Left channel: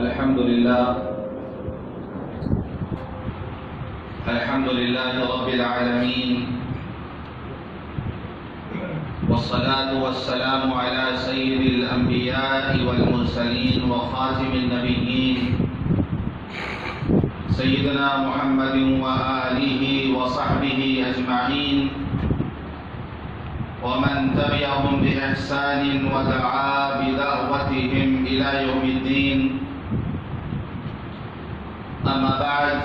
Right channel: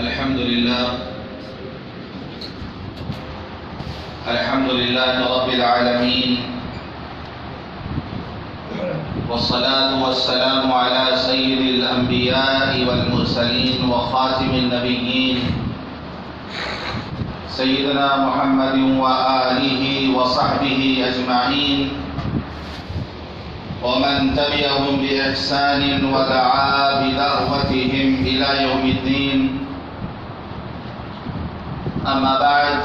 الحمد لله رب العالمين، والصلاة والسلام على سيد الأنبياء والمرسلين وخاتم النبيين سيدنا محمد وآله وصحبه أجمعين، ومن تبعهم بإحسان ودعا بدعوتهم إلى يوم الدين. أما بعد،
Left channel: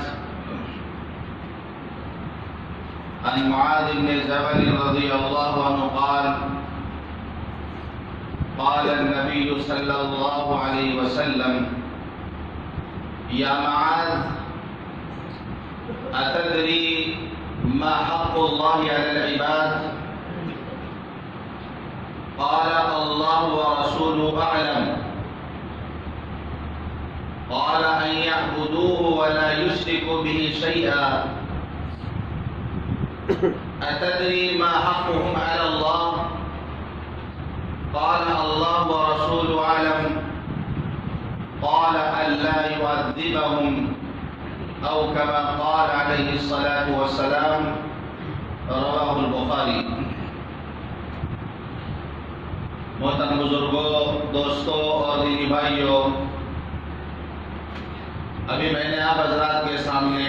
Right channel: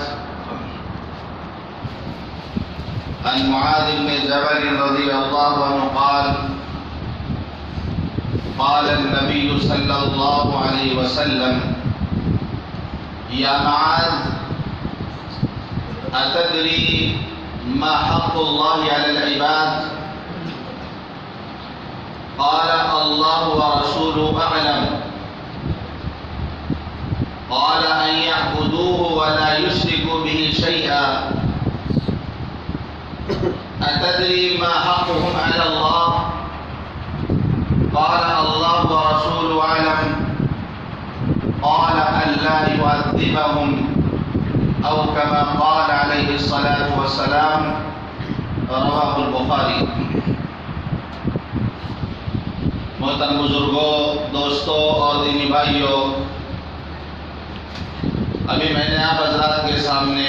عن معاذ بن جبل رضي الله عنه قال: قال النبي صلى الله عليه وسلم: يا معاذ، أتدري ما حق الله على العباد؟ قال: الله ورسوله أعلم. قال: أن يعبدوه ولا يشركوا به شيئا. أتدري ما حقهم على الله؟ قال: الله ورسوله أعلم. قال: ألا يعذبهم، أو كما قال عليه الصلاة والسلام. رواه البخاری. محترم بزرگوں، دوستوں اور دینی بھائیوں، ابھی میں نے آپ حضرات کے سامنے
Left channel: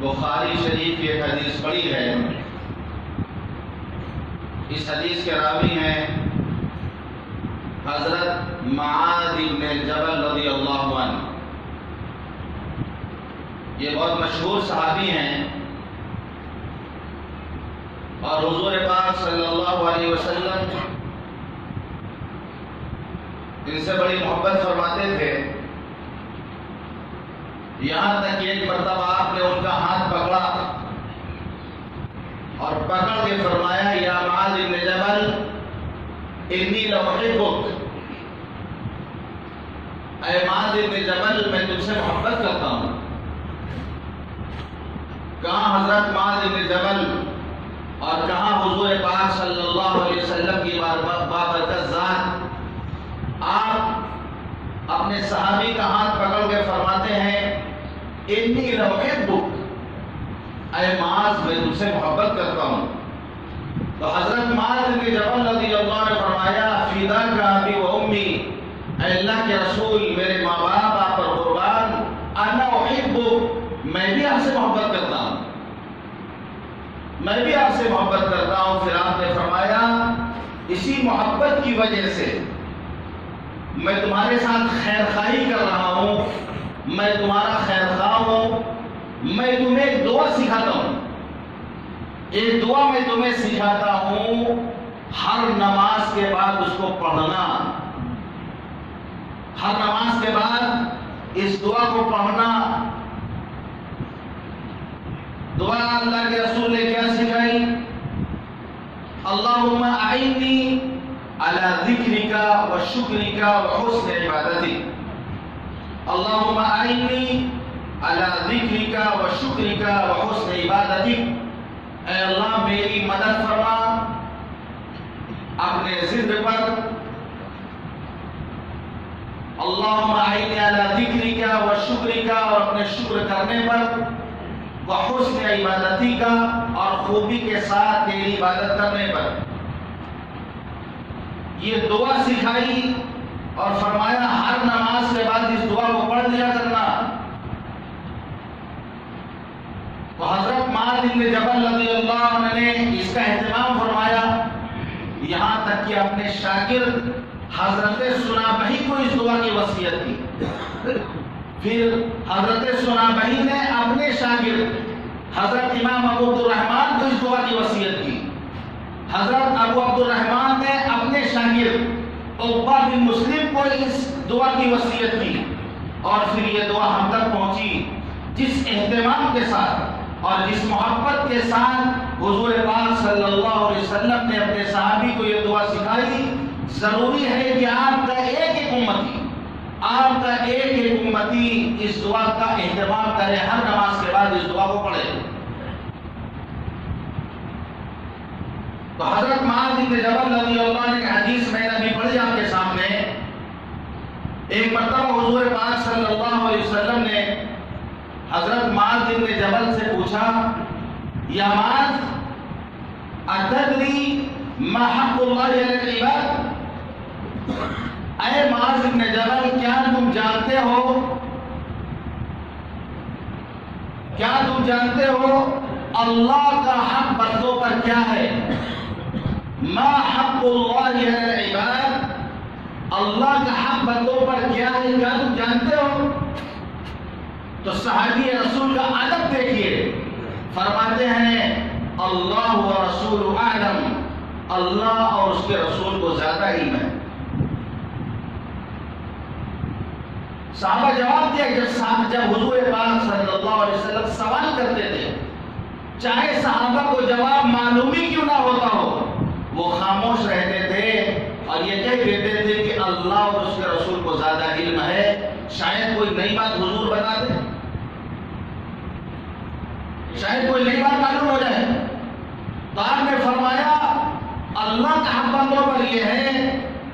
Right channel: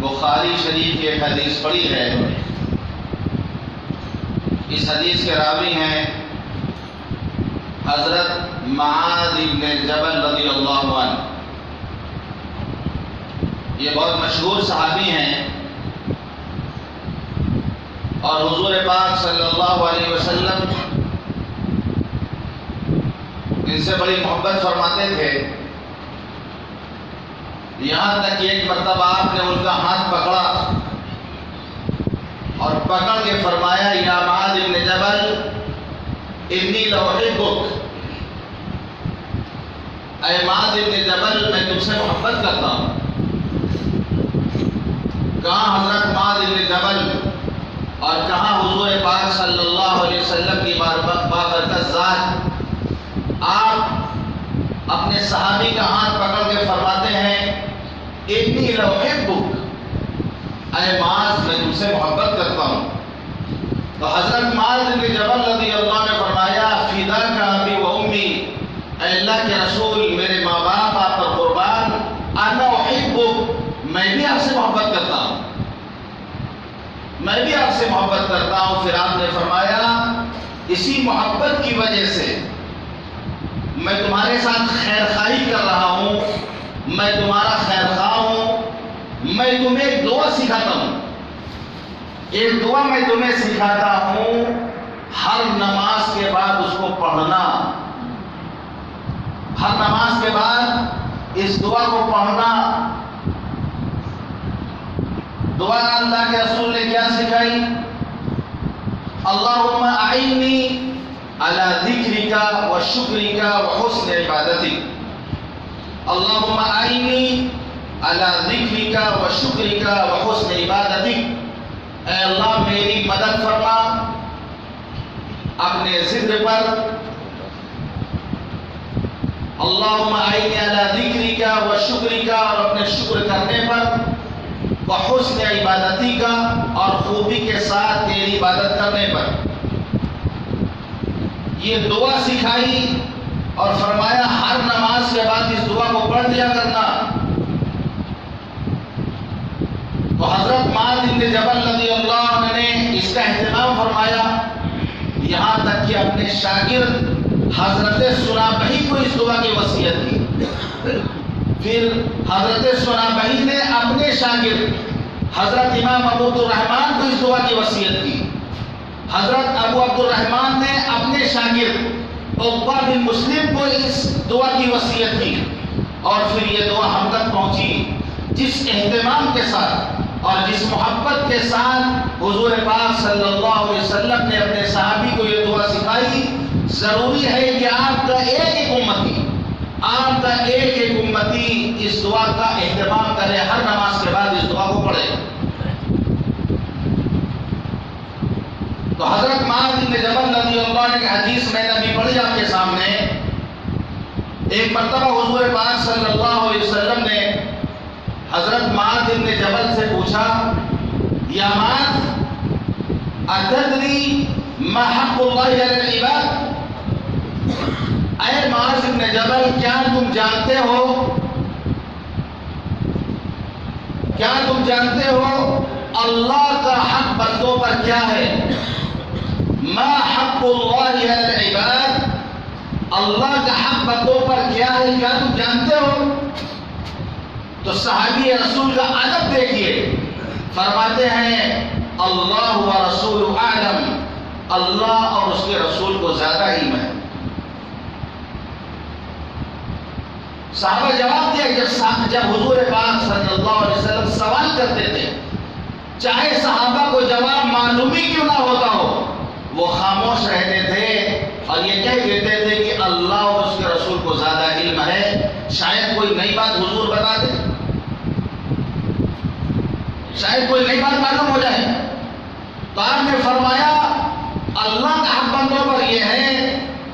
بخاری شریف کی ایک حدیث پڑھی ہے. اس حدیث کے راوی ہیں حضرت معاذ بن جبل رضی اللہ عنہ. یہ بہت مشہور صحابی ہیں اور حضور پاک صلی اللہ علیہ وسلم ان سے بڑی محبت فرماتے تھے. یہاں تک کہ ایک مرتبہ آپ نے ان کا ہاتھ پکڑا اور پکڑ کے فرمایا: یا معاذ بن جبل، انی لأحبک. اے معاذ بن جبل، میں تم سے محبت کرتا ہوں. کہاں حضرت معاذ بن جبل اور کہاں حضور پاک صلی اللہ علیہ وسلم کی بابرکت ذات، آپ اپنے صحابی کا ہاتھ پکڑ کے فرماتے ہیں: انی لأحبک. اے معاذ، میں تم سے محبت کرتا ہوں. تو حضرت معاذ بن جبل رضی اللہ عنہ نے فرمایا: فداک ابی و امی. اے اللہ کے رسول، میرے ماں باپ آپ پر قربان. انا احبک، میں بھی آپ سے محبت کرتا ہوں. میں بھی آپ سے محبت کرتا ہوں. پھر آپ نے فرمایا: اسی محبت کی وجہ سے میں تمہارے ساتھ خیر خواہی کر رہا ہوں. میں تمہارا خیر خواہ ہوں. میں تمہیں ایک دعا سکھاتا ہوں. ایک دعا میں تمہیں سکھاتا ہوں. ہر نماز کے بعد اس کو پڑھنا. ہر نماز کے بعد اس دعا کو پڑھنا. دعا اللہ کے رسول نے کیا سکھائی؟ اللہم اعنی علی ذکرک و شکرک و حسن عبادتک. اللہم اعنی علی ذکرک و شکرک و حسن عبادتک. اے اللہ، میری مدد فرما اپنے ذکر پر. اللہم اعنی علی ذکرک و شکرک، اور اپنے شکر کرنے پر، وحسن عبادتی کا، اور خوبی کے ساتھ تیری عبادت کرنے پر. یہ دعا سکھائی اور فرمایا ہر نماز کے بعد اس دعا کو پڑھ دیا کرنا. تو حضرت معاذ بن جبل رضی اللہ عنہ نے اس کا اہتمام فرمایا، یہاں تک کہ اپنے شاگرد حضرت سنابحی کو اس دعا کی وصیت کی. پھر حضرت سنابحی نے اپنے شاگرد حضرت امام ابو عبد الرحمن کو اس دعا کی وصیت کی. حضرت ابو عبد الرحمن نے اپنے شاگرد عقبہ بن مسلم کو اس دعا کی وصیت کی. اور پھر یہ دعا ہم تک پہنچی. جس اہتمام کے ساتھ اور جس محبت کے ساتھ حضور پاک صلی اللہ علیہ وسلم نے اپنے صحابی کو یہ دعا سکھائی، ضروری ہے کہ آپ کا ایک امتی اس دعا کا اہتمام کرے، ہر نماز کے بعد اس دعا کو پڑھے. تو حضرت معاذ بن جبل رضی اللہ عنہ کی حدیث میں نے ابھی پڑھی آپ کے سامنے. ایک مرتبہ حضور پاک صلی اللہ علیہ وسلم نے حضرت معاذ بن جبل سے پوچھا، یا معاذ اتدری ما حق اللہ علی العباد؟ اے معاذ بن جبل، کیا تم جانتے ہو اللہ کا حق بندوں پر کیا ہے؟ ما حق اللہ علی العباد، اللہ کا حق بندوں پر کیا ہے، کیا تم جانتے ہو؟ تو صحابی رسول کا ادب دیکھیے، فرماتے ہیں اللہ و رسول اعلم، اللہ اور اس کے رسول کو زیادہ علم ہے۔ صحابہ جواب دیا، جب حضور پاک صلی اللہ علیہ وسلم سوال کرتے تھے، چاہے صحابہ کو جواب معلوم ہی کیوں نہ ہوتا ہو، وہ خاموش رہتے تھے اور یہ کہہ دیتے تھے کہ اللہ اور اس کے رسول کو زیادہ علم ہے، شاید کوئی نئی بات حضور بتا دے، شاید کوئی نئی بات معلوم ہو جائے۔ تو آپ نے فرمایا اللہ کا حق بندوں پر یہ ہے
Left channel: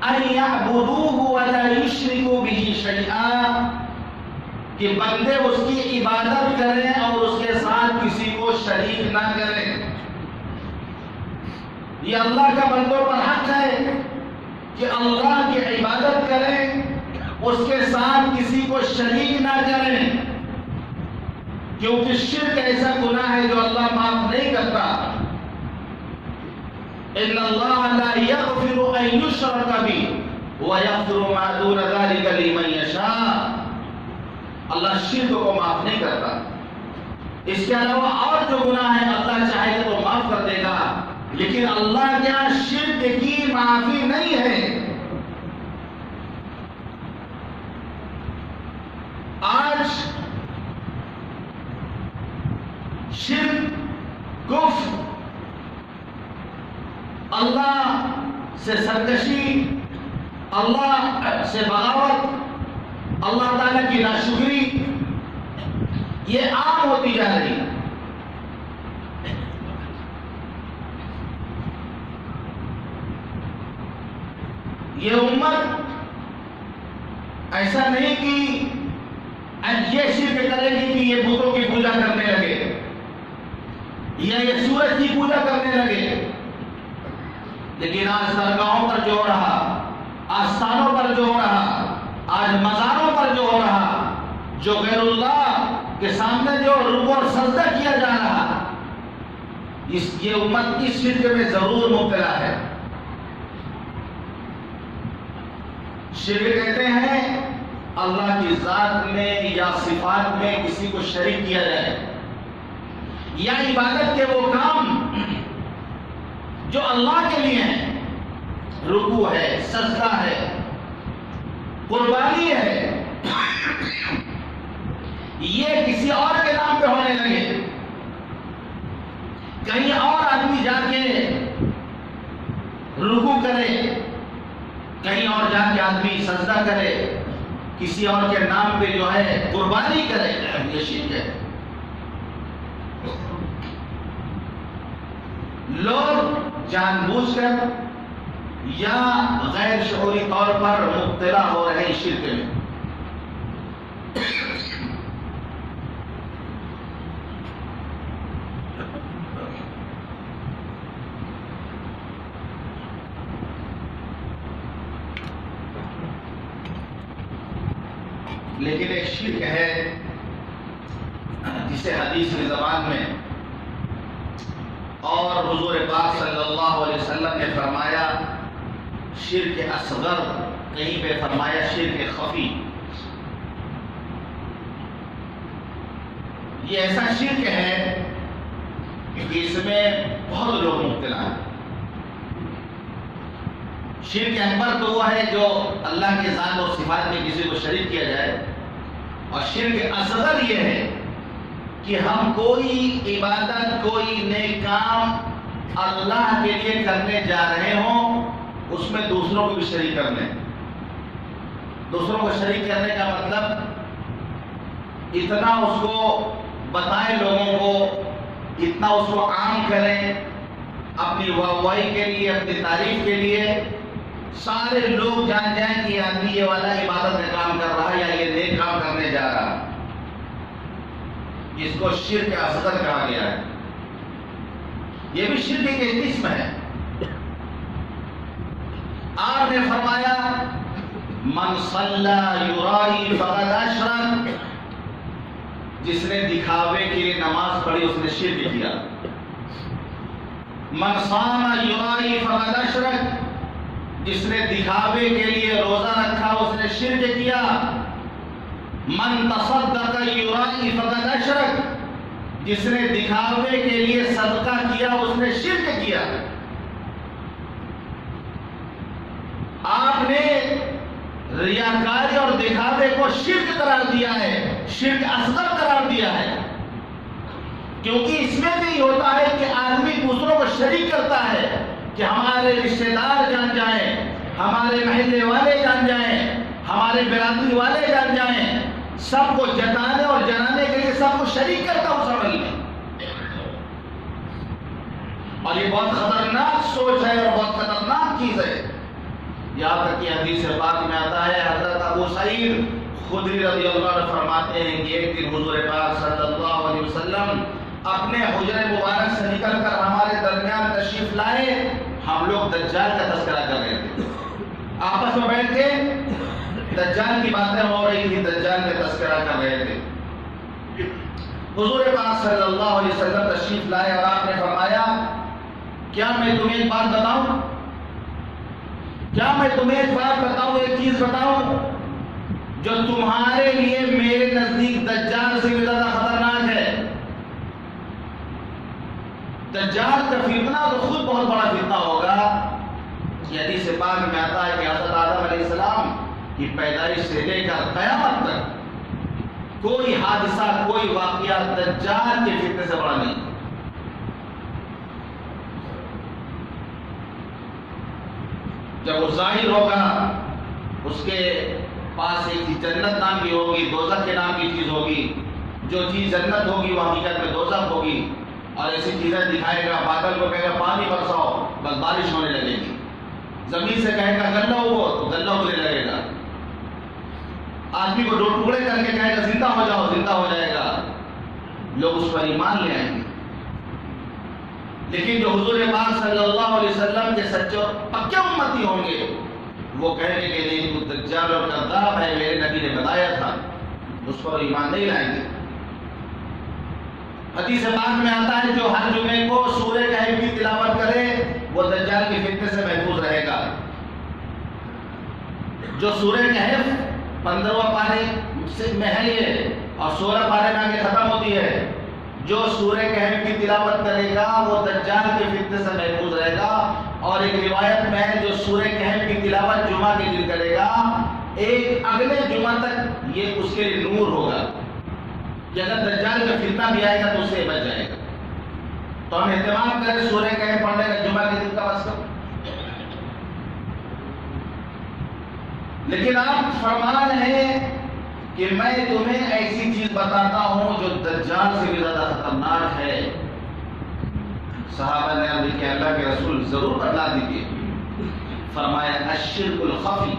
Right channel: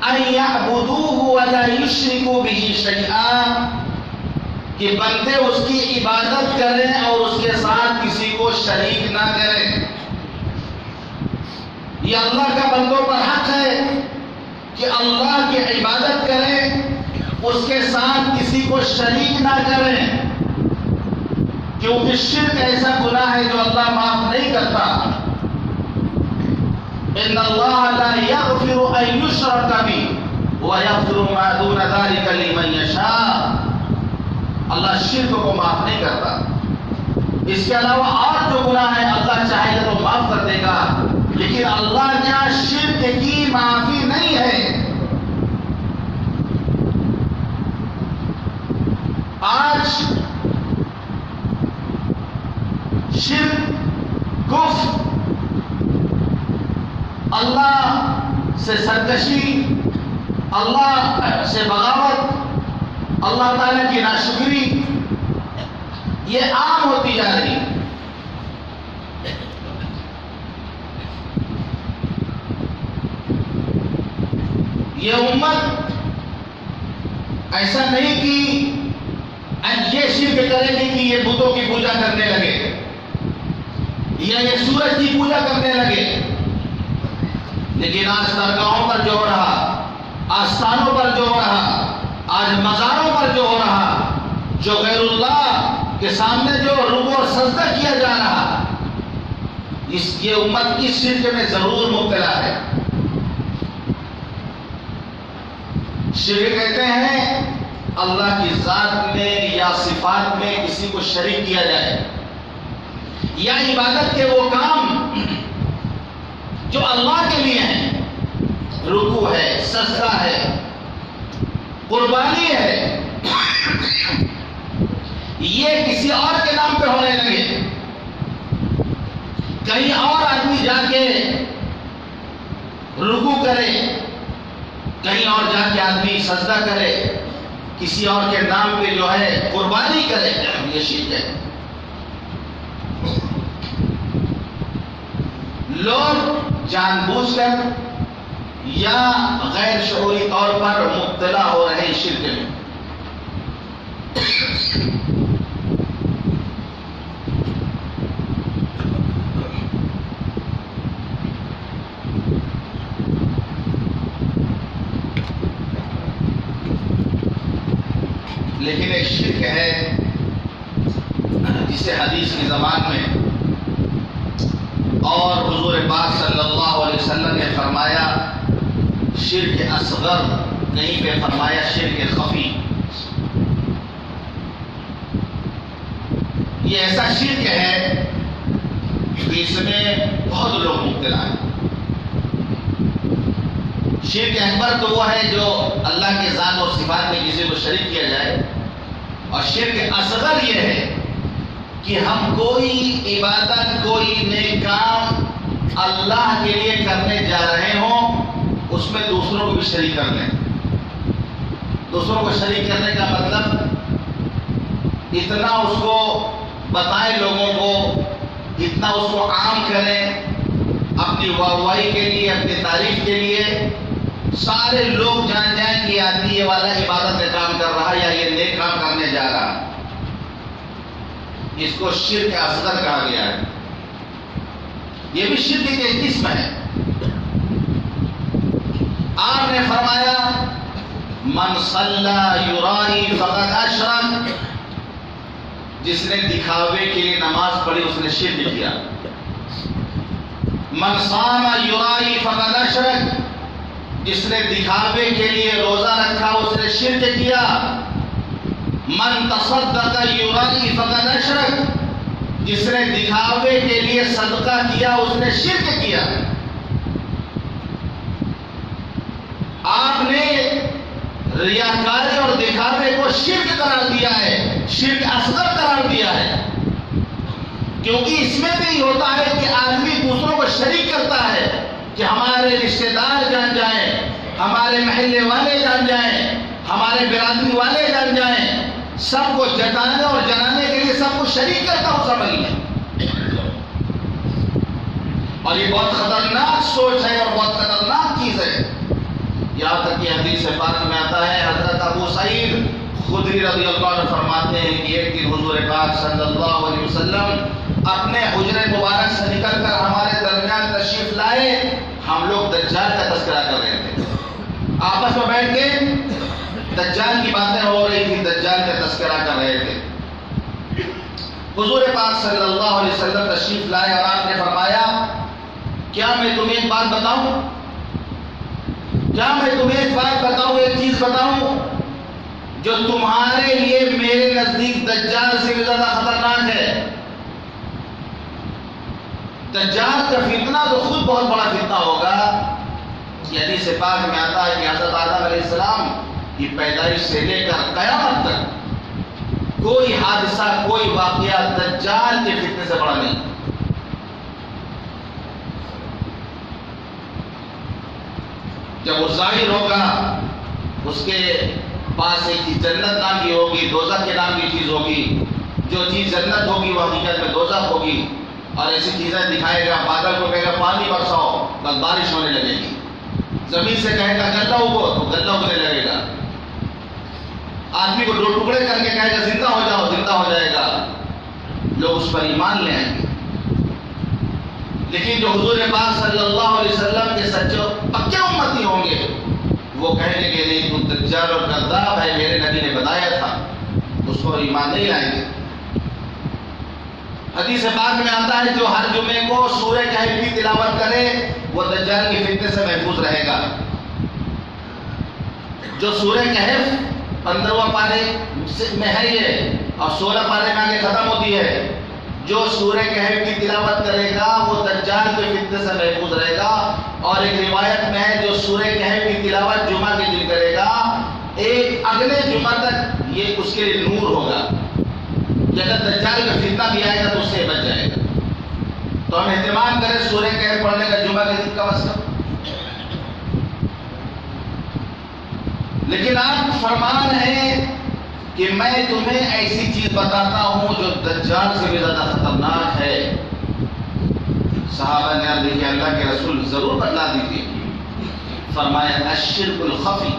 ان یعبدوہ ولا یشرکوا بہ شیئا، کہ بندے اس کی عبادت کریں اور اس کے ساتھ کسی کو شریک نہ کریں۔ یہ اللہ کا بندوں پر حق ہے کہ اللہ کی عبادت کریں، اس کے ساتھ کسی کو شریک نہ کریں، کیونکہ شرک ایسا گناہ ہے جو اللہ معاف نہیں کرتا۔ ان اللہ لا یغفر ان یشرک بہ ویغفر ما دون ذلک لمن یشاء، اللہ شرک کو معاف نہیں کرتا، اس کے علاوہ اور جو گناہ ہے اللہ چاہے گا تو معاف کر دے گا، لیکن اللہ کے یہاں شرک کی معافی نہیں ہے۔ آج شرک، کفر، اللہ سے سرکشی، اللہ سے بغاوت، اللہ تعالیٰ کی ناشکری، یہ عام ہوتی جا رہی ہے۔ یہ امت ایسا نہیں کہ یہ شرک کرے گی کہ یہ بتوں کی پوجا کرنے لگے یا یہ سورج کی پوجا کرنے لگے، لیکن آج درگاہوں پر جو ہو رہا، آستانوں پر جو ہو رہا، آج مزاروں پر جو ہو رہا، جو غیر اللہ کے سامنے جو رکوع اور سجدہ کیا جا رہا، یہ امت اس شرک میں ضرور مبتلا ہے۔ شرک کہتے ہیں اللہ کی ذات میں یا صفات میں کسی کو شریک کیا جائے، یا عبادت کے وہ کام جو اللہ کے لیے ہیں، رکوع ہے، سجدہ ہے، قربانی ہے، یہ کسی اور کے نام پہ ہونے لگے، کہیں اور آدمی جا کے رکوع کرے، کہیں اور جا کے آدمی سجدہ کرے، کسی اور کے نام پہ جو ہے قربانی کرے، یہ شرک ہے۔ لوگ جان بوجھ کر یا غیر شعوری طور پر مبتلا ہو رہے ہیں شرک میں۔ لیکن ایک شرک ہے جسے حدیث کی زبان میں اور حضور پاک صلی اللہ علیہ وسلم نے فرمایا شرک اصغر، کہیں پہ فرمایا شرک خفی۔ یہ ایسا شرک ہے کہ اس میں بہت لوگ مبتلا ہیں۔ شرک اکبر تو وہ ہے جو اللہ کے ذات اور صفات میں کسی کو شریک کیا جائے، اور شرک اصغر یہ ہے کہ ہم کوئی عبادت، کوئی نیک کام اللہ کے لیے کرنے جا رہے ہوں، اس میں دوسروں کو بھی شریک کر لیں۔ دوسروں کو شریک کرنے کا مطلب اتنا اس کو بتائیں لوگوں کو، اتنا اس کو عام کریں اپنی واہواہی کے لیے، اپنی تعریف کے لیے، سارے لوگ جان جائیں کہ یہ آدمی یہ والا عبادت کا کام کر رہا ہے یا یہ نیک کام کرنے جا رہا، جس کو شرک اصغر کہا گیا ہے۔ یہ بھی شرک کی ایک قسم ہے۔ آپ نے فرمایا من صلی یرائی فقد اشرک، جس نے دکھاوے کے لیے نماز پڑھی اس نے شرک کیا۔ من صام یرائی فقد اشرک، جس نے دکھاوے کے لیے روزہ رکھا اس نے شرک کیا۔ من تصدق یرائی فقد اشرک، جس نے دکھاوے کے لیے صدقہ کیا اس نے شرک کیا۔ آپ نے ریاکاری اور دکھاوے کو شرک قرار دیا ہے، شرک اصغر قرار دیا ہے، کیونکہ اس میں بھی ہوتا ہے کہ آدمی دوسروں کو شریک کرتا ہے کہ ہمارے رشتہ دار جان جائیں، ہمارے محلے والے جان جائیں، ہمارے برادری والے جان جائیں، سب کو جتانے اور جنانے کے لیے سب کو شریک کرتا ہوں سمجھ لیں۔ اور یہ بہت خطرناک سوچ ہے اور بہت خطرناک چیز ہے۔ یہاں تک کہ حدیث پاک میں آتا ہے، حضرت ابو سعید خدری رضی اللہ عنہ فرماتے ہیں کہ ایک دن حضور پاک صلی اللہ علیہ وسلم اپنے حجرہ مبارک سے نکل کر ہمارے درمیان تشریف لائے۔ ہم لوگ دجال کا تذکرہ کر رہے تھے، آپس میں بیٹھ کے دجال کی باتیں ہو رہی تھی، دجال کا تذکرہ کر رہے تھے۔ حضور پاک صلی اللہ علیہ وسلم تشریف لائے اور آپ نے فرمایا کیا میں تمہیں ایک بات بتاؤں، کیا میں تمہیں ایک بات بتاؤں، ایک چیز بتاؤں جو تمہارے لیے میرے نزدیک دجال سے بھی زیادہ خطرناک ہے۔ دجال کا فتنہ تو خود بہت بڑا فتنہ ہوگا۔ یہ حدیث پاک میں آتا ہے کہ حضرت آدم علیہ السلام کی پیدائش سے لے کر قیامت تک کوئی حادثہ، کوئی واقعہ دجال کے فتنے سے بڑا نہیں۔ جب وہ ظاہر ہوگا اس کے پاس ایک چیز جنت نام کی ہوگی، دوزخ کے نام کی چیز ہوگی، جو چیز جنت ہوگی وہ حقیقت میں دوزخ ہوگی، اور ایسی چیزیں دکھائے گا، بادل کو کہے گا پانی برساؤ بس بارش ہونے لگے گی، زمین سے کہے گا غلہ اگو تو غلہ اگنے لگے گا، آدمی کو دو ٹکڑے کر کے کہے گا زندہ ہو جاؤ زندہ ہو جائے گا، لوگ اس پر ایمان لے آئیں گے۔ لیکن جو حضور پاک صلی اللہ علیہ وسلم کے سچے پکے امتی ہوں گے وہ کہیں گے کہ نہیں تو دجال اور کذاب ہے، میرے نبی نے بتایا تھا، اس پر ایمان نہیں لائیں گے۔ حدیث پاک میں آتا ہے جو ہر جمعے کو سورہ کہف کی تلاوت کرے وہ دجال کی فتنے سے محفوظ رہے گا۔ جو سورہ کہف 15واں پارے میں ہے یہ اور 16 پارے میں آگے ختم ہوتی ہے، جو سورہ کہف کی تلاوت کرے گا وہ دجال کے فتنے سے محفوظ رہے گا۔ اور ایک روایت میں ہے جو سورہ کہف کی تلاوت جمعہ کے دن کرے گا ایک اگلے جمعہ تک یہ اس کے لیے نور ہوگا کہ اگر دجال کا فتنہ بھی آئے گا تو اس سے بچ جائے گا۔ تو ہم اہتمام کریں سورہ کہف پڑھنے کا جمعہ کے دن کا مسئلہ۔ لیکن آپ فرمان ہے کہ میں تمہیں ایسی چیز بتاتا ہوں جو دجال سے بھی زیادہ خطرناک ہے۔ صحابہ نے عرض کیا اللہ کے رسول ضرور بتلا دیجیے۔ فرمایا الشرک الخفی،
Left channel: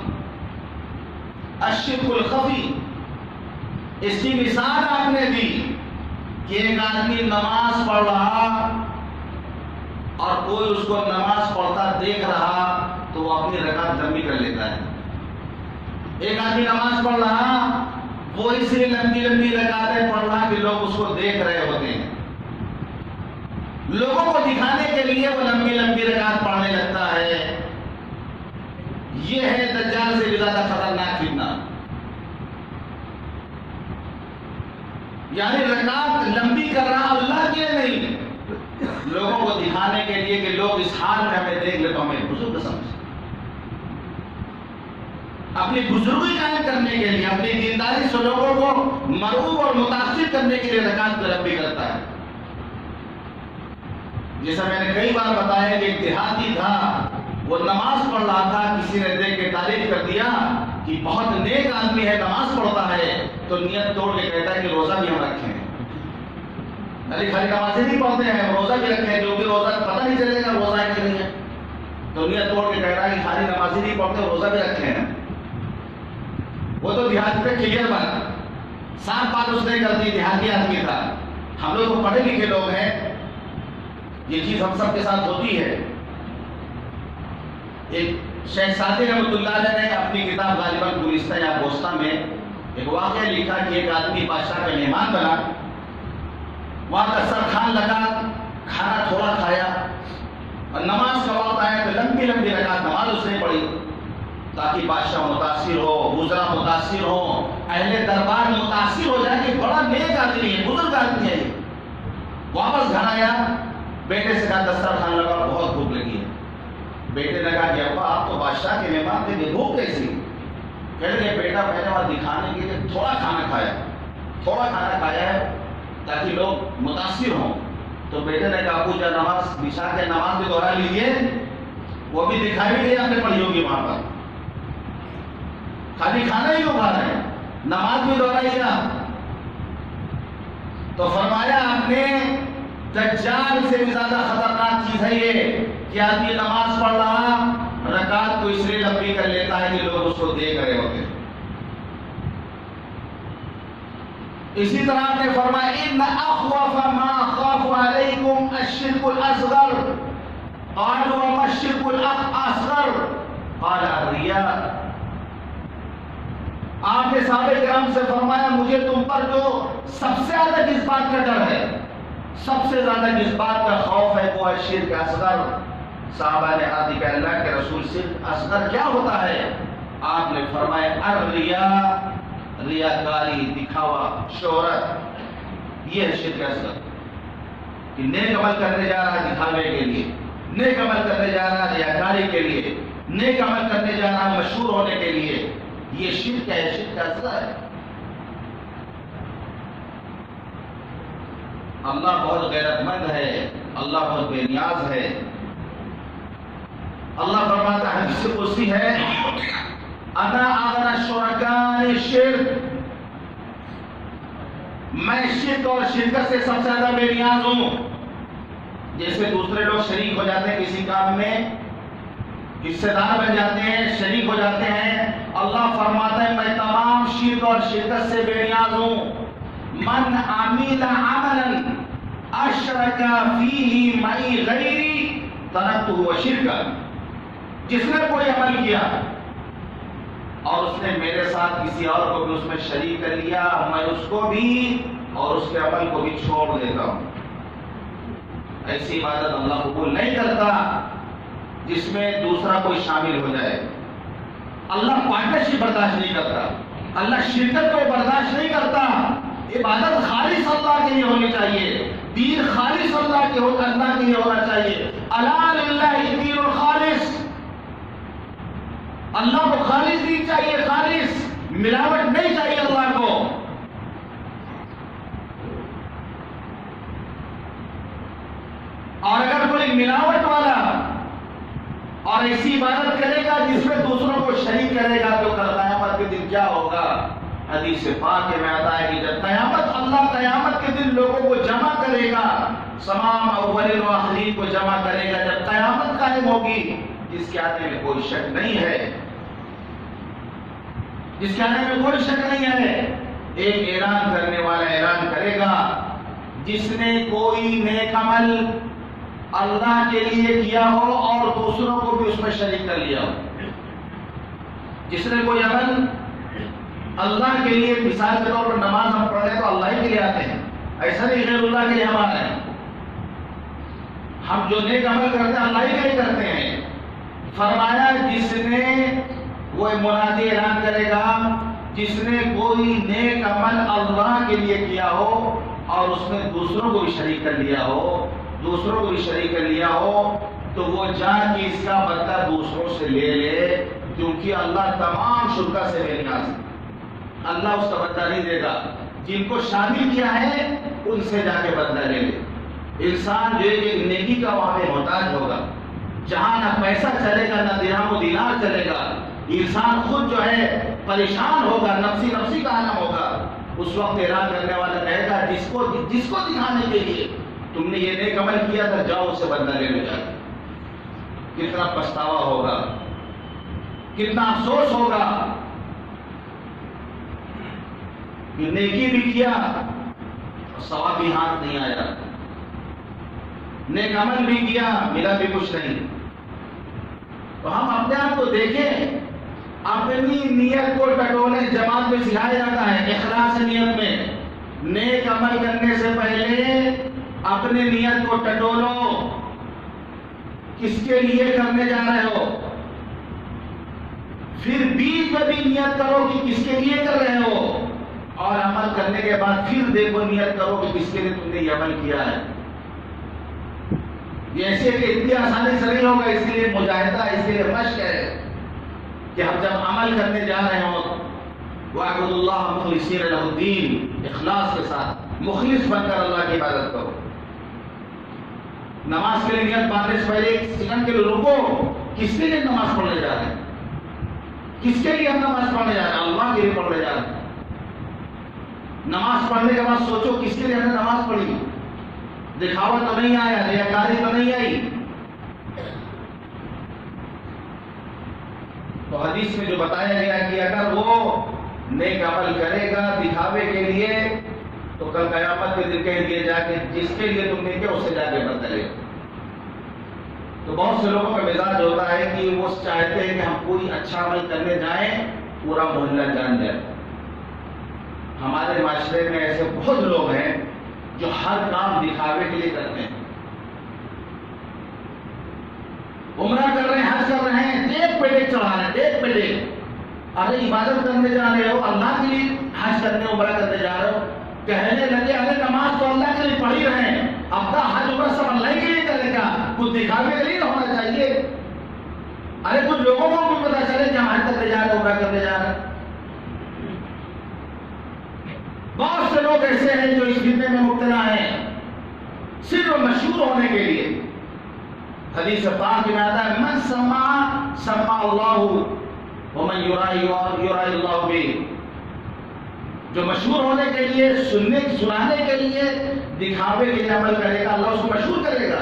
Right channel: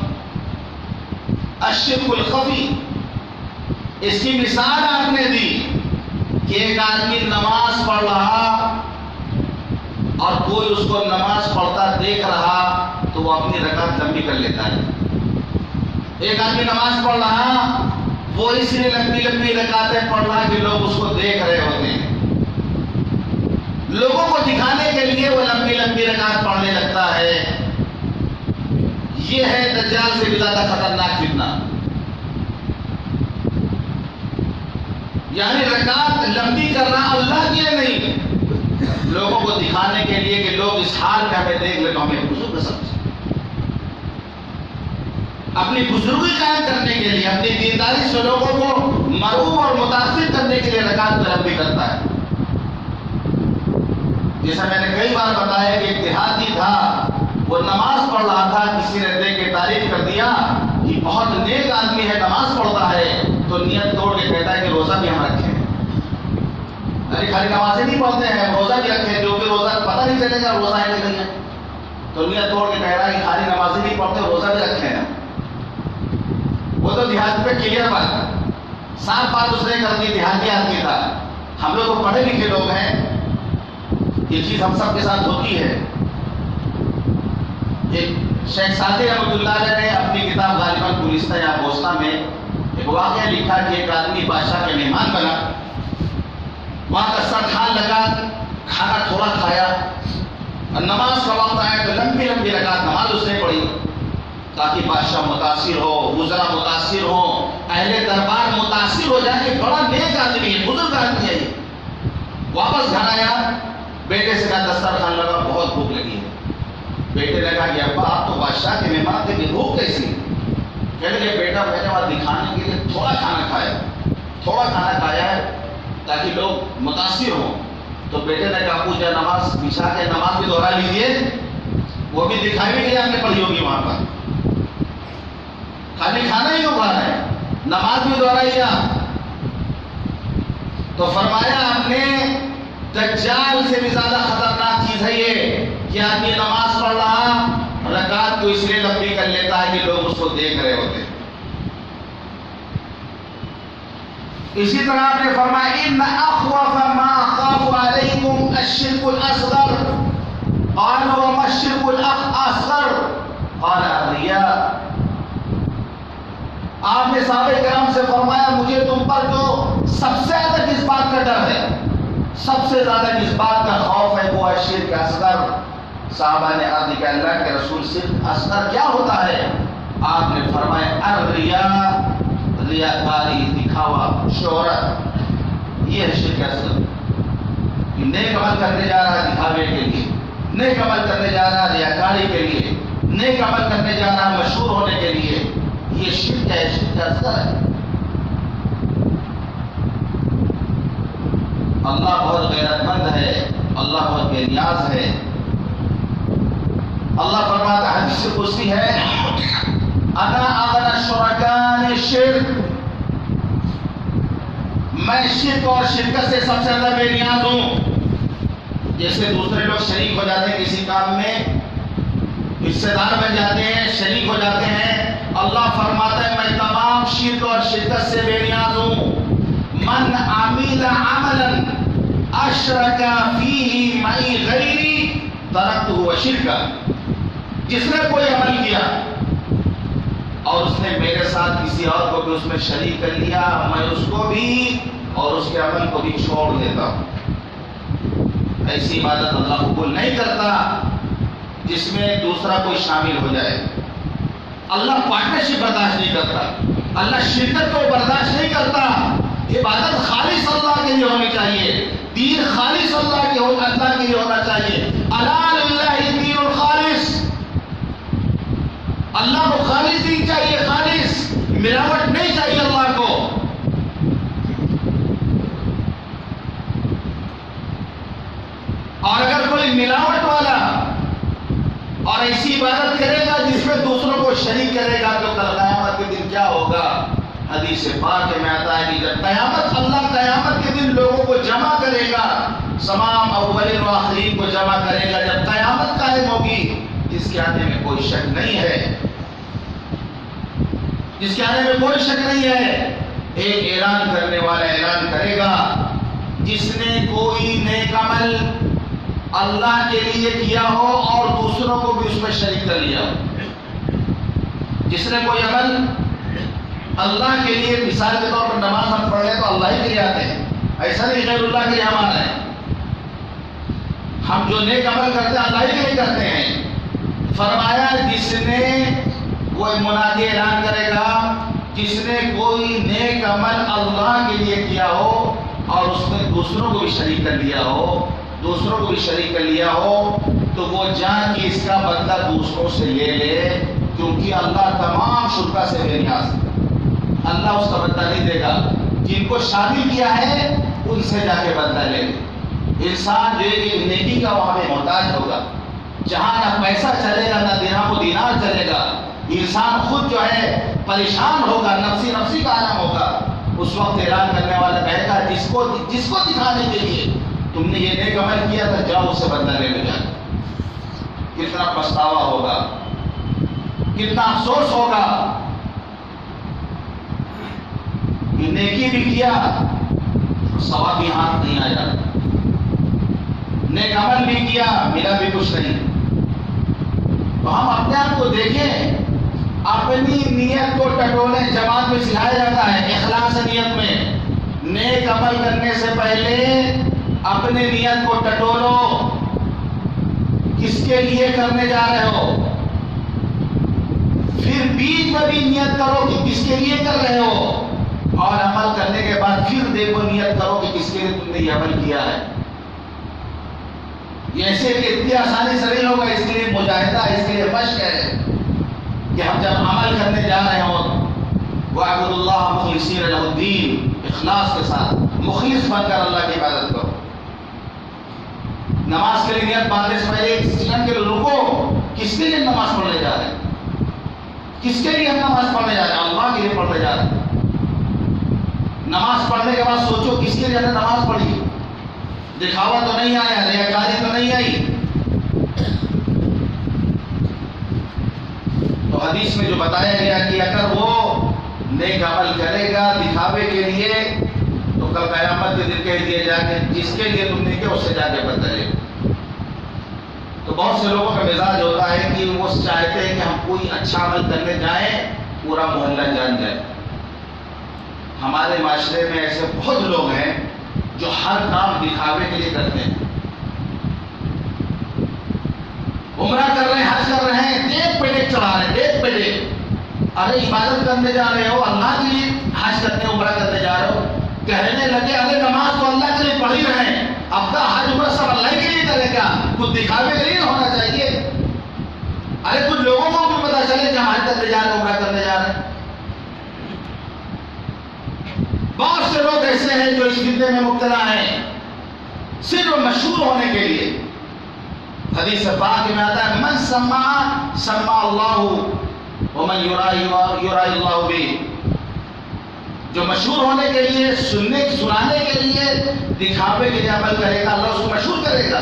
الشرک الخفی۔ اس کی مثال آپ نے دی کہ ایک آدمی نماز پڑھ رہا اور کوئی اس کو نماز پڑھتا دیکھ رہا تو وہ اپنی رکعت لمبی کر لیتا ہے۔ ایک آدمی نماز پڑھ رہا وہ اس لیے لمبی لمبی رکعتیں پڑھ رہا کہ لوگ اس کو دیکھ رہے ہوتے ہیں، لوگوں کو دکھانے کے لیے وہ لمبی لمبی رکعت پڑھنے لگتا ہے۔ یہ ہے دجال سے بھی زیادہ خطرناک فتنہ، یعنی رکعت لمبی کر رہا اللہ کے لیے نہیں، لوگوں کو دکھانے کے لیے کہ لوگ اس حال میں ہمیں دیکھ لیں تو ہمیں بزرگ سمجھیں، اپنی بزرگی قائم کرنے کے لیے، اپنی دینداری سے لوگوں کو مرعوب اور متاثر کرنے کے لیے رکعت کو لمبی کرتا ہے۔ جیسا میں نے کئی بار بتایا کہ ایک دیہاتی تھا، وہ نماز پڑھ رہا تھا، کسی نے دیکھ کے تعریف کر دیا کہ بہت نیک آدمی ہے، نماز پڑھتا ہے، تو نیت توڑ کے کہتا ہے کہ روزہ بھی ہم رکھیں، یعنی خالی نمازیں نہیں پڑھتے ہیں، روزہ بھی رکھیں، جو کہ روزہ پتہ نہیں چلے گا روزہ ہے کہ نہیں ہے، تو نیت توڑ کے کہہ رہا ہے کہ خالی نمازیں نہیں نہیں پڑھتے, روزہ بھی رکھے ہیں, وہ تو دیہات پہ کلیئر بات ہے, سال بات اس نے کر دی, دیہاتی آدمی تھا. ہم لوگ تو پڑھے لکھے لوگ ہیں, یہ چیز ہم سب کے ساتھ ہوتی ہے. ایک شیخ سعدی رحمۃ اللہ علیہ نے اپنی کتاب غالباً گلستہ یا بوستہ میں ایک واقعہ لکھا کہ ایک آدمی بادشاہ کا مہمان بنا, وہاں دسترخوان لگا, کھانا تھوڑا کھایا, اور نماز کا وقت آیا تو لمبی لمبی رکعت نماز اس نے پڑھی تاکہ بادشاہ متاثر ہو, وزراء متاثر ہو, اہل دربار متاثر ہو جائے کہ بڑا نیک آدمی ہے, بزرگ آدمی ہے. واپس گھر آیا, بیٹے سے کہا دسترخوان لگا, بہت بھوک لگی ہے. بیٹے نے کہا کہ ابا آپ تو بادشاہ کے مہمان تھے, کہ بھوک کیسی؟ کہنے لگے بیٹا پہلے بار دکھانے کے لیے تھوڑا کھانا کھایا ہے تاکہ لوگ متاثر ہوں. تو بیٹے نے کہا ابو جا نماز بچھا کے نماز بھی دوہرا لیجیے. وہ بھی دکھائی بھی آپ نے پڑھی ہوگی وہاں پر, خالی کھانا ہی ہو رہا ہے, نماز بھی دوہرائی آپ. تو فرمایا آپ نے دجال سے بھی زیادہ خطرناک چیز ہے یہ کہ آدمی نماز پڑھ رہا, رکعت کو اس لیے لمبی کر لیتا ہے کہ لوگ اس کو دیکھ رہے ہوتے ہیں. اسی طرح آپ نے فرمایا ان اخوف ما اخاف علیکم الشرک الاصغر, قالوا وما الشرک الاصغر قال الرياء. آپ نے صحابہ کرام سے فرمایا مجھے تم پر جو سب سے زیادہ کس بات کا ڈر ہے, سب سے زیادہ کس بات کا خوف ہے, وہ ہے شرک اصغر. صحابہ نے عرض کیا اللہ کے رسول شرک اصغر کیا ہوتا ہے؟ آپ نے فرمایا الرياء, ریاکاری, دکھاوا, شہرت, یہ ہے شرک اصغر. کہ نیک عمل کرنے جا رہا ہے دکھاوے کے لیے, نیک عمل کرنے جا رہا ہے ریاکاری کے لیے, نیک عمل کرنے جا رہا ہے مشہور ہونے کے لیے, یہ شرک ہے, شرک اصغر ہے. اللہ بہت غیرت مند ہے, اللہ بہت بے نیاز ہے. اللہ فرماتا ہے حدیث قدسی ہے انا اغنى الشركاء عن الشرك, میں شرک اور شرکت سے سب سے زیادہ بے نیاز ہوں. جیسے دوسرے لوگ شریک ہو جاتے ہیں کسی کام میں, حصے دار بن جاتے ہیں, شریک ہو جاتے ہیں, اللہ فرماتا ہے میں تمام شرک اور شرکت سے بے نیاز ہوں. من عمل عملا اشرک فیہ معی غیری ترکتہ وشرکہ, جس نے کوئی عمل کیا اور اس نے میرے ساتھ کسی اور کو بھی اس میں شریک کر لیا, میں اس کو بھی اور اس کے عمل کو بھی چھوڑ دیتا ہوں. ایسی عبادت اللہ قبول نہیں کرتا جس میں دوسرا کوئی شامل ہو جائے. اللہ پارٹنرشپ برداشت نہیں کرتا, اللہ شرکت کو برداشت نہیں کرتا. عبادت خالص اللہ کے لیے ہونی چاہیے, دین خالص اللہ کے لیے ہونا چاہیے. الا للہ الدین الخالص, اللہ کو خالص دین چاہیے, خالص, ملاوٹ نہیں چاہیے اللہ کو. اور اگر کوئی ملاوٹ والا اور ایسی عبادت کرے گا جس میں دوسروں کو شریک کرے گا تو کل قیامت کے دن کیا ہوگا؟ حدیث پاک میں آتا ہے کہ جب قیامت, اللہ قیامت کے دن لوگوں کو جمع کرے گا, تمام اولین و آخرین کو جمع کرے گا. جب قیامت قائم ہوگی, جس کے آنے میں کوئی شک نہیں ہے, جس کے آنے میں کوئی شک نہیں ہے, ایک اعلان کرنے والا اعلان کرے گا جس نے کوئی نیک عمل اللہ کے لیے کیا ہو اور دوسروں کو بھی اس میں شریک کر لیا ہو. جس نے کوئی عمل اللہ کے لیے, مثال کے طور پر نماز ہم پڑھ رہے تو اللہ ہی کے لیے آتے ہیں, ایسا نہیں غیر اللہ کے لیے ہم آ رہے ہیں. ہم جو نیک عمل کرتے ہیں اللہ ہی کے لیے کرتے ہیں. فرمایا جس نے, وہ منادی اعلان کرے گا جس نے کوئی نیک عمل اللہ کے لیے کیا ہو اور اس میں دوسروں کو بھی شریک کر لیا ہو, دوسروں کو بھی شریک کر لیا ہو, تو وہ جان کے اس کا بدلہ دوسروں سے لے لے, کیونکہ اللہ تمام شرکا سے بے نیاز ہے. اللہ اس کا بدلہ نہیں دے گا. جن کو شامل کیا ہے ان سے جا کے بدلہ لے لے. انسان جو ہے نیکی کا وہاں پہ محتاج ہوگا, جہاں نہ پیسہ چلے گا نہ درہم و دینار چلے گا. انسان خود جو ہے پریشان ہوگا, نفسی کا عالم ہوگا. اس وقت اعلان کرنے والا کہے گا جس کو دکھانے کے لیے تم نے یہ نیک عمل کیا تھا, جاؤ اس سے بدلہ لینے جا. کتنا پچھتاوا ہوگا. کتنا افسوس ہوگا کہ نیکی بھی کیا ثواب بھی ہاتھ نہیں آیا، نیک عمل بھی کیا ملا بھی کچھ نہیں۔ تو ہم اپنے آپ کو دیکھیں، اپنی نیت کو ٹٹولیں۔ جماعت میں سکھایا جاتا ہے اخلاص نیت میں، نیک عمل کرنے سے پہلے اپنے نیت کو ٹٹولو، کس کے لیے کرنے جا رہے ہو، پھر بیچ میں بھی نیت کرو کہ کس کے لیے کر رہے ہو، اور عمل کرنے کے بعد پھر دیکھو نیت کرو کہ کس کے لیے تم نے یہ عمل کیا ہے۔ یہ ایسے کہ اتنی آسانی سے نہیں ہوگا، اس کے لیے مجاہدہ، اس کے لیے مشق ہے کہ ہم جب عمل کرنے جا رہے ہوں وَاعْبُدُوا اللَّهَ مُخْلِصِينَ لَهُ الدِّينَ، اخلاص کے ساتھ مخلص بن کر اللہ کی عبادت کرو۔ نماز کے لیے نیت باندھنے سے پہلے ایک سیکنڈ کے لیے رکو، کس کے لیے نماز پڑھنے جا رہے ہیں، کس کے لیے ہم نماز پڑھنے جا رہے ہیں، اللہ کے لیے پڑھنے جا رہے ہیں۔ نماز پڑھنے کے بعد سوچو کس کے لیے ہم نے نماز پڑھی، دکھاوا تو نہیں آیا، ریاکاری تو نہیں آئی۔ تو حدیث میں جو بتایا گیا کہ اگر وہ نیک عمل کرے گا دکھاوے کے لیے تو کل قیامت کے دن کہہ دیا جا کے جس کے لیے تم نے کیا اس سے جا کے بدلے۔ تو بہت سے لوگوں کا مزاج ہوتا ہے کہ وہ چاہتے ہیں کہ ہم کوئی اچھا عمل کرنے جائیں پورا محلہ جان جائے۔ ہمارے معاشرے میں ایسے بہت لوگ ہیں جو ہر کام دکھاوے کے لیے کرتے ہیں، عمرہ کر رہے ہیں، حج کر رہے ہیں، دیکھ پہ دیکھ چڑھا رہے ہیں، دیکھ پہ دیکھ۔ ارے عبادت کرنے جا رہے ہو، اللہ کے لیے حج کرنے عمرہ کرنے جا رہے ہو، کہنے لگے ارے نماز تو اللہ کے لیے پڑھ ہی رہے ہیں، اب کا حج عمرہ سب اللہ کے لیے کرے، کیا کچھ دکھاوے کے لیے ہونا چاہیے؟ ارے کچھ لوگوں کو بھی پتا چلے کہ ہم حج کرنے جا رہے ہیں، عمرہ کرنے جا رہے ہیں۔ بہت سے لوگ ایسے ہیں جو اس فتنے میں مبتلا ہیں صرف مشہور ہونے کے لیے۔ حدیث پاک میں آتا ہے من سمع سمع اللہ ومن یرائی اللہ بہ، جو مشہور ہونے کے لیے، سنانے کے لیے، دکھاوے کے لیے عمل کرے گا اللہ اس کو مشہور کرے گا۔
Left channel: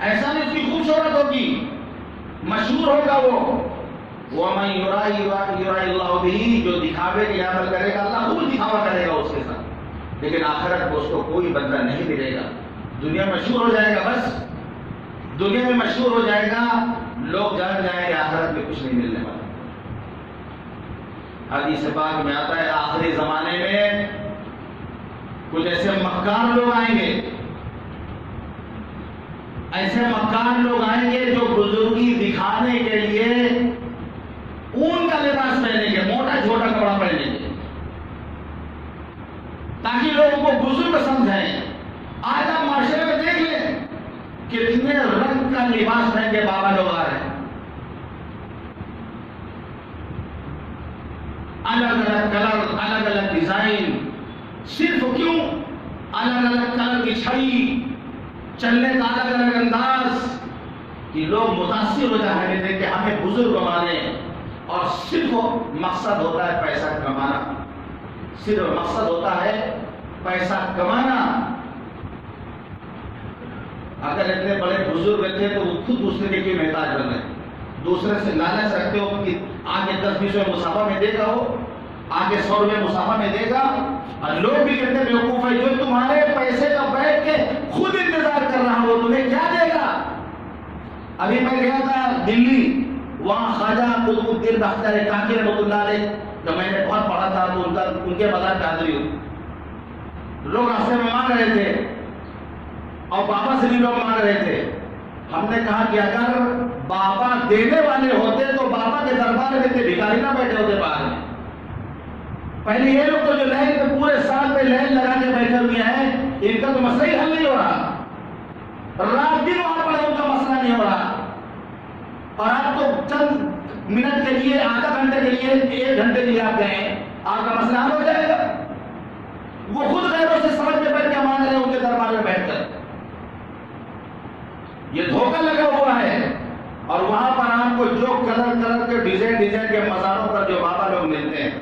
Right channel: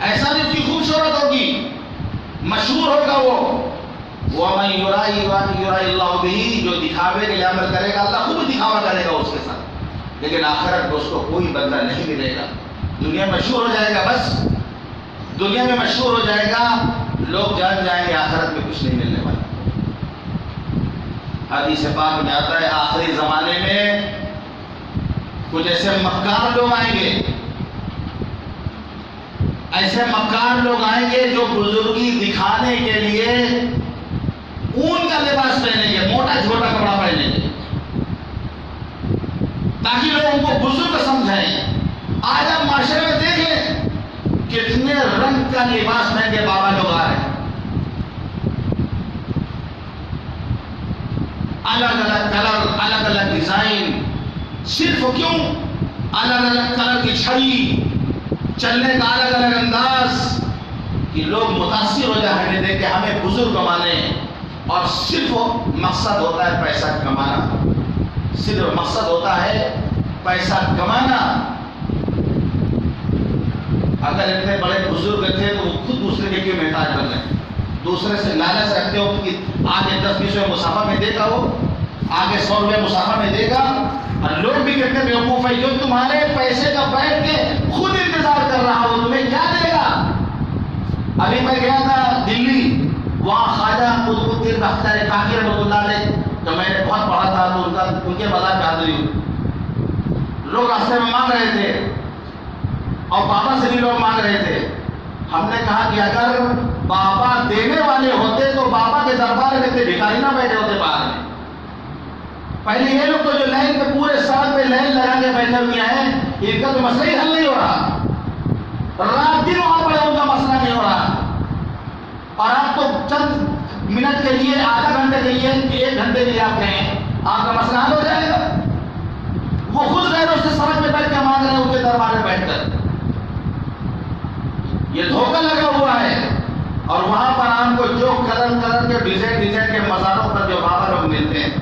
ایسا نہیں اس کی خوب شہرت ہوگی، مشہور ہوگا وہ۔ وَمَن يُرَائِ اللَّهُ بِهِ، جو دکھاوے کے لیے عمل کرے گا اللہ خوب دکھاوا کرے گا اس کے ساتھ، لیکن آخرت کو اس کو کوئی بدلہ نہیں ملے گا۔ دنیا میں مشہور ہو جائے گا، بس دنیا میں مشہور ہو جائے گا، لوگ جان جائیں گے، آخرت میں کچھ نہیں ملنے والا۔ حدیث پاک میں آتا ہے آخری زمانے میں کچھ ایسے مکار لوگ آئیں گے، ایسے مکار لوگ آئیں گے جو بزرگی دکھانے کے لیے اون کا لباس پہنیں گے، موٹا چھوٹا کپڑا پہنیں گے تاکہ لوگوں کو بزرگ سمجھائیں۔ آج آپ معاشرے میں دیکھ لیں کتنے رنگ کا لباس پہن کے بابا لوگ آ رہے ہیں، الگ الگ کلر، الگ الگ ڈیزائن، صرف کیوں؟ الگ الگ کلر کی چھڑی، چلنے کا الگ الگ انداز، کہ لوگ متاثر ہو جائیں ہمیں دیکھ کے، ہمیں بزرگ مانے۔ اور صرف مقصد ہوتا ہے پیسہ کمانا، صرف مقصد ہوتا ہے پیسہ کمانا۔ اگر اتنے بڑے بزرگ تھے تو وہ خود دوسرے کے کیوں محتاج بن گئے؟ دوسرے سے لالچ رکھتے ہو کہ آگے 10-20 روپے مسافہ میں دے گا، وہ آگے 100 روپے مسافہ میں دے گا، اور لوگ بھی کتنے بیوقوف ہیں جو تمہارے پیسے کا بیٹھ کے خود انتظار کر رہا وہ تمہیں کیا دے گا۔ ابھی میں گیا تھا دلی، وہاں خواجہ قطب الدین بختیار کاکی رحمۃ اللہ علیہ، تو میں نے بہت پڑھا تھا، تو ان کے مزار پہ حاضری ہوئی، لوگ راستے میں مانگ رہے تھے اور بابا سے بھی لوگ مانگ رہے تھے۔ ہم نے کہا کہ اگر بابا دینے والے ہوتے تو بابا کے دربار میں تھے، بھکاری نہ بیٹھے ہوتے باہر میں۔ پہلے یہ لوگ تو جو لائن پہ پورے سال پہ لائن لگا کے بیٹھے ہوئے ہیں، ان کا تو مسئلہ ہی حل نہیں ہو رہا، رات دن وہاں پڑے ان کا مسئلہ نہیں ہو رہا، اور آپ کو چند منٹ کے لیے، آدھا گھنٹے کے لیے، 1 گھنٹے کے لیے آپ کہیں آپ کا مسئلہ حل ہو جائے گا۔ وہ خود غیروں سے سمجھ میں بیٹھ کے مانگ رہے ہیں ان کے دربار میں بیٹھ کر، یہ دھوکہ لگا ہوا ہے۔ اور وہاں پر آپ کو جو کلر کے ڈیزائن کے مزاروں پر جو بابا لوگ ملتے ہیں،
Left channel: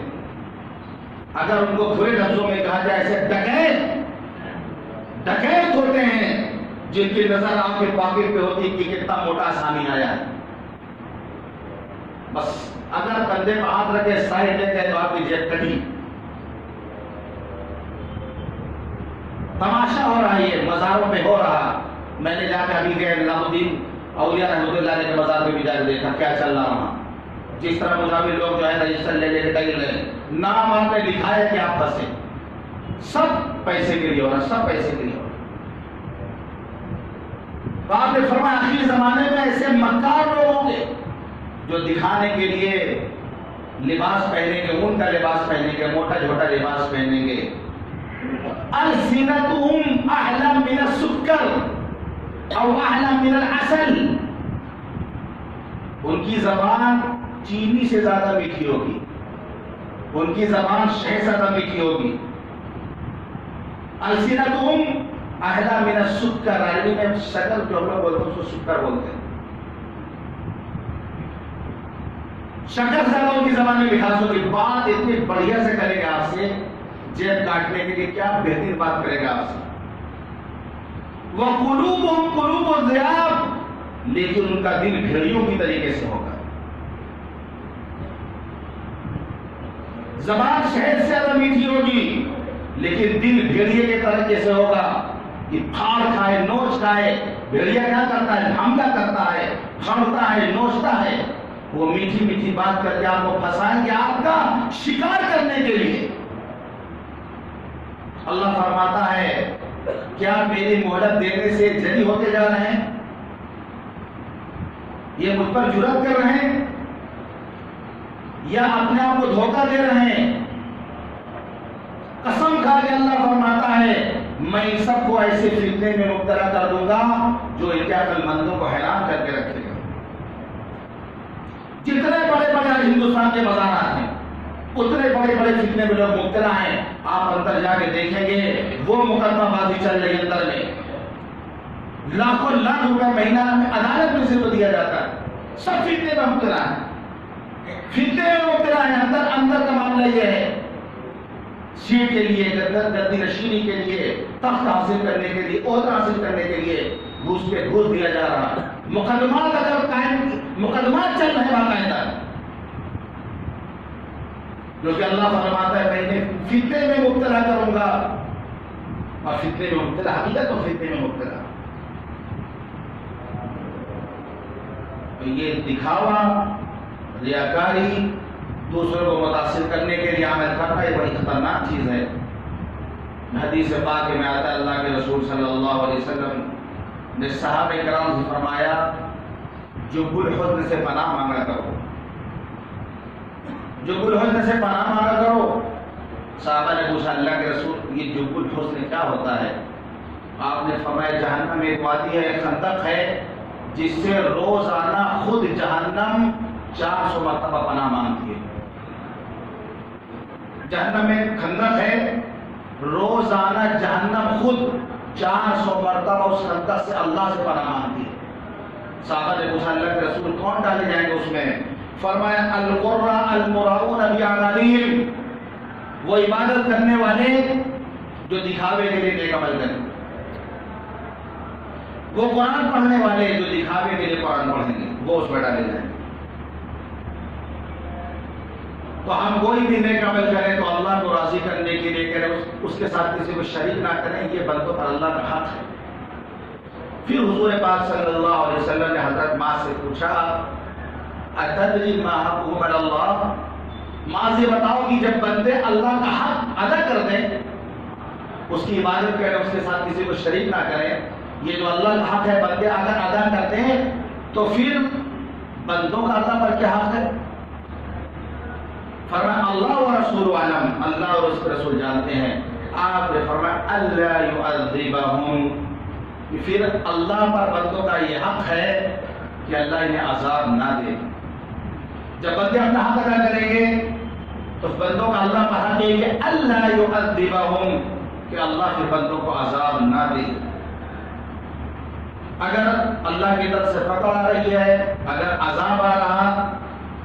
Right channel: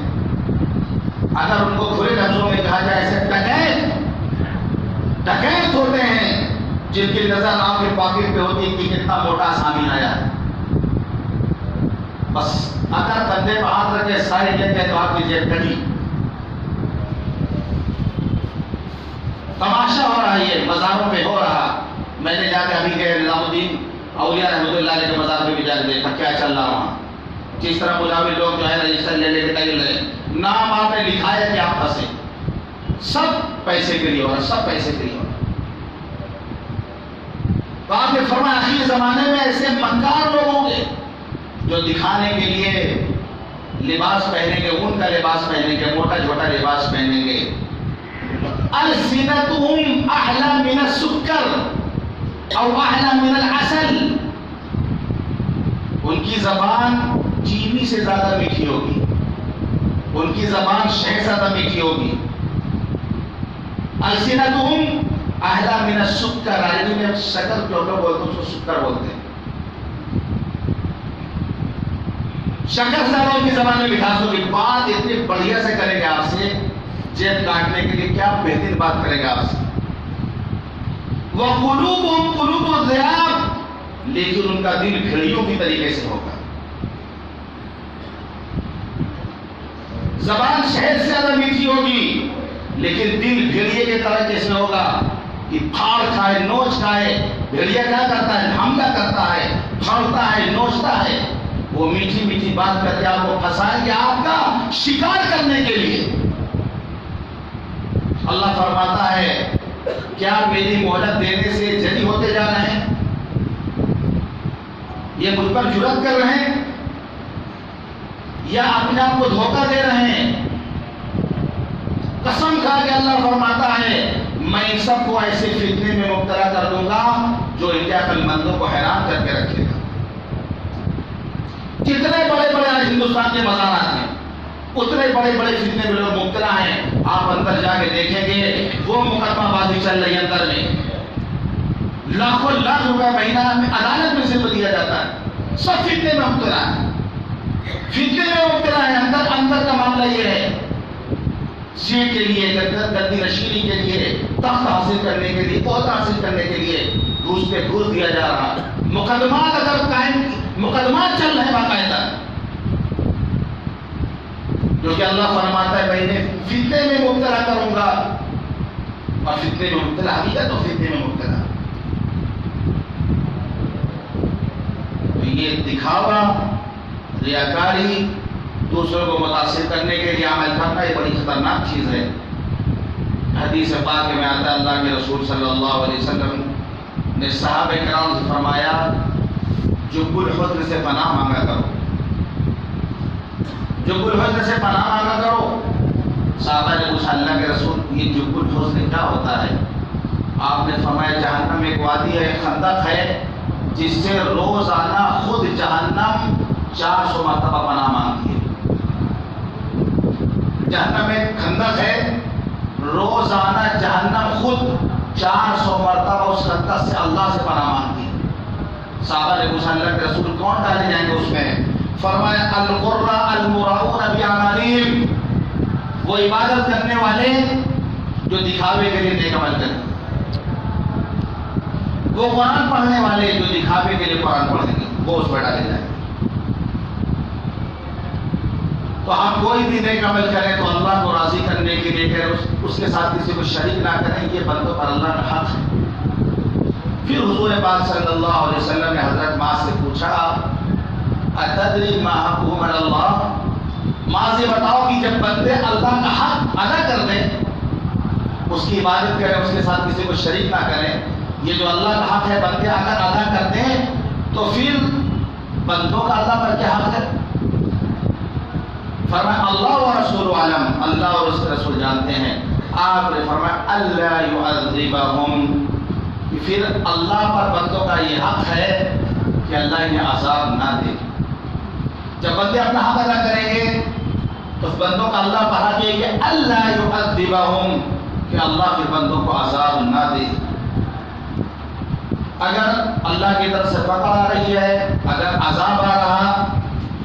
اگر ان کو کھلے لفظوں میں کہا جائے ایسے ڈکیت ہوتے ہیں جن کی نظر آپ کے پاکٹ پہ ہوتی ہے کہ کتنا موٹا سامی آیا، بس اگر کندھے پہ ہاتھ رکھے سائڈ لے کے دعا کیجیے کڑی تماشا ہو رہا ہے، یہ مزاروں پہ ہو رہا. میں نے جا کے ابھی گئے نظام الدین اولیاء رحمۃ اللہ علیہ کے مزار پہ بھی جا کے دیکھا کیا چل رہا وہاں. جس طرح مجاور لوگ جو ہے رجسٹر لے لے کے ٹائل لے نام آپ نے لکھا ہے کہ آپ پھنسے، سب پیسے کے لیے ہو رہا، سب پیسے کے لیے ہو رہا. تو آپ نے فرمایا آخری زمانے میں ایسے مکار لوگ ہوں گے جو دکھانے کے لیے لباس پہنیں گے، ان کا لباس پہنیں گے، موٹا چھوٹا لباس پہنیں گے. السنتهم اعلى من السكر او اعلى من العسل، ان کی زبان چینی سے زیادہ میٹھی ہوگی، ان کی زبان شہد سے زیادہ میٹھی ہوگی. السنتهم اعلى من السكر، عربی میں شکر جو لوگ بولتے ہیں اس کو سکر بولتے ہیں. شکر سے زیادہ ان کی زبان میں مٹھاس ہوگی. بات اتنی بڑھیا سے کرے گا آپ سے، جیب کاٹنے کے لیے کیا بہترین بات کرے گا آپ سے. وَقُلُوبُهُمْ قُلُوبُ الذِّئَابِ، لیکن ان کا دل بھیڑیوں کی طریقے سے ہوگا. زبان شہد سے زیادہ میٹھی ہوگی لیکن دل بھیڑیے کے طریقے سے ہوگا کہ پھاڑ کھائے نوچ کھائے. بھیڑیا کیا کرتا ہے؟ حملہ کرتا ہے، پھاڑتا ہے، نوچتا ہے. وہ میٹھی میٹھی بات کر کے آپ کو پھنسائیں گے آپ کا شکار کرنے کے لیے. اللہ فرماتا ہے کیا میری مہلت دینے سے جری ہوتے جا رہے ہیں؟ یہ مجھ پر جرأت کر رہے ہیں یا اپنے آپ کو دھوکہ دے رہے ہیں؟ قسم کھا کے اللہ فرماتا ہے میں ان سب کو ایسے فتنے میں مبتلا کر دوں گا جو ان کے عقل مندوں کو حیران کر کے رکھے گا. جتنے بڑے بڑے ہندوستان کے مزارات ہیں اتنے بڑے بڑے فتنے میں لوگ مبتلا ہیں. آپ اندر جا کے دیکھیں گے وہ مقدمہ بازی چل رہی ہے اندر میں، لاکھوں لاکھ روپے مہینہ میں عدالت میں سے تو دیا جاتا ہے. سب فتنے میں مبتلا ہے، فتنے میں مبتلا ہے. اندر اندر کا معاملہ یہ ہے سیٹ کے لیے، گدی نشینی کے لیے، تخت حاصل کرنے کے لیے، عہدہ حاصل کرنے کے لیے گھوس پہ گھوس دیا جا رہا ہے. مقدمات اگر قائم، مقدمات چل رہے ہیں باقاعدہ، جو کہ اللہ فرماتا ہے میں انہیں فتنے میں مبتلا کروں گا. اور فتنے میں مبتلا حقیقت تو فتنے میں مبتلا. تو یہ دکھاوا، ریاکاری، دوسروں کو متاثر کرنے کے لیے عمل کرنا یہ بڑی خطرناک چیز ہے. حدیث پاک میں آتا ہے اللہ کے رسول صلی اللہ علیہ وسلم نے صحابہ کرام سے فرمایا جب الحزن سے پناہ مانگا کرو، جب الحزن سے پناہ مانگا کرو. صحابہ نے پوچھا اللہ کے رسول یہ جب الحزن کیا ہوتا ہے؟ آپ نے فرمایا جہنم ایک وادی ہے، ایک خندق ہے جس سے روزانہ خود جہنم 400 مرتبہ پناہ مانگتی ہے. جہنم میں خندق ہے، روزانہ جہنم خود 400 مرتبہ اس خندق سے اللہ سے پناہ مانگتی ہے. صحابہ نے پوچھا اللہ کے رسول کون ڈالے جائیں گے اس میں؟ فرمایا القراء المراؤون باعمالهم، وہ عبادت کرنے والے جو دکھاوے کے لیے نیک عمل کریں، وہ قرآن پڑھنے والے جو دکھاوے کے لیے قرآن پڑھیں گے، وہ اس میں ڈالے جائیں گے. تو ہم کوئی بھی نیک عمل کریں تو اللہ کو راضی کرنے کے لیے کریں، اس کے ساتھ کسی کو شریک نہ کریں. یہ بندوں پر اللہ کا حق ہے. پھر حضور پاک صلی اللہ علیہ وسلم نے حضرت معاذ سے پوچھا اتدری ما حقہ علی اللہ، معاذ یہ بتاؤ کہ جب بندے اللہ کا حق ادا کر دیں، اس کی عبادت کریں، اس کے ساتھ کسی کو شریک نہ کریں، یہ جو اللہ کا حق ہے بندے اگر ادا کر دیں تو پھر بندوں کا اللہ پر کیا حق ہے؟ فرمایا اللہ و رسول عالم، اللہ اور اس کے رسول جانتے ہیں. آپ نے فرمایا اللہ یعذبہم، پھر اللہ پر بندوں کا یہ حق ہے کہ اللہ انہیں عذاب نہ دے. جب بندے اپنا حق ادا کریں گے تو بندوں کا اللہ پر حق ہے کہ اللہ یعذبہم، کہ اللہ کے بندوں کو عذاب نہ دے. اگر اللہ کی طرف سے پکڑ آ رہی ہے، اگر عذاب آ رہا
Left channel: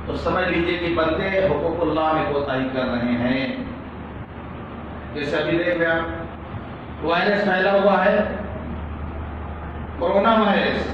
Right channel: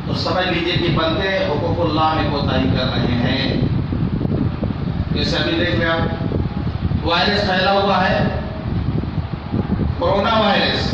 تو سمجھ لیجئے کہ بندے حقوق اللہ میں کوتاہی کر رہے ہیں. جیسے ابھی دیکھ لیں آپ وائرس پھیلا ہوا ہے، کورونا وائرس.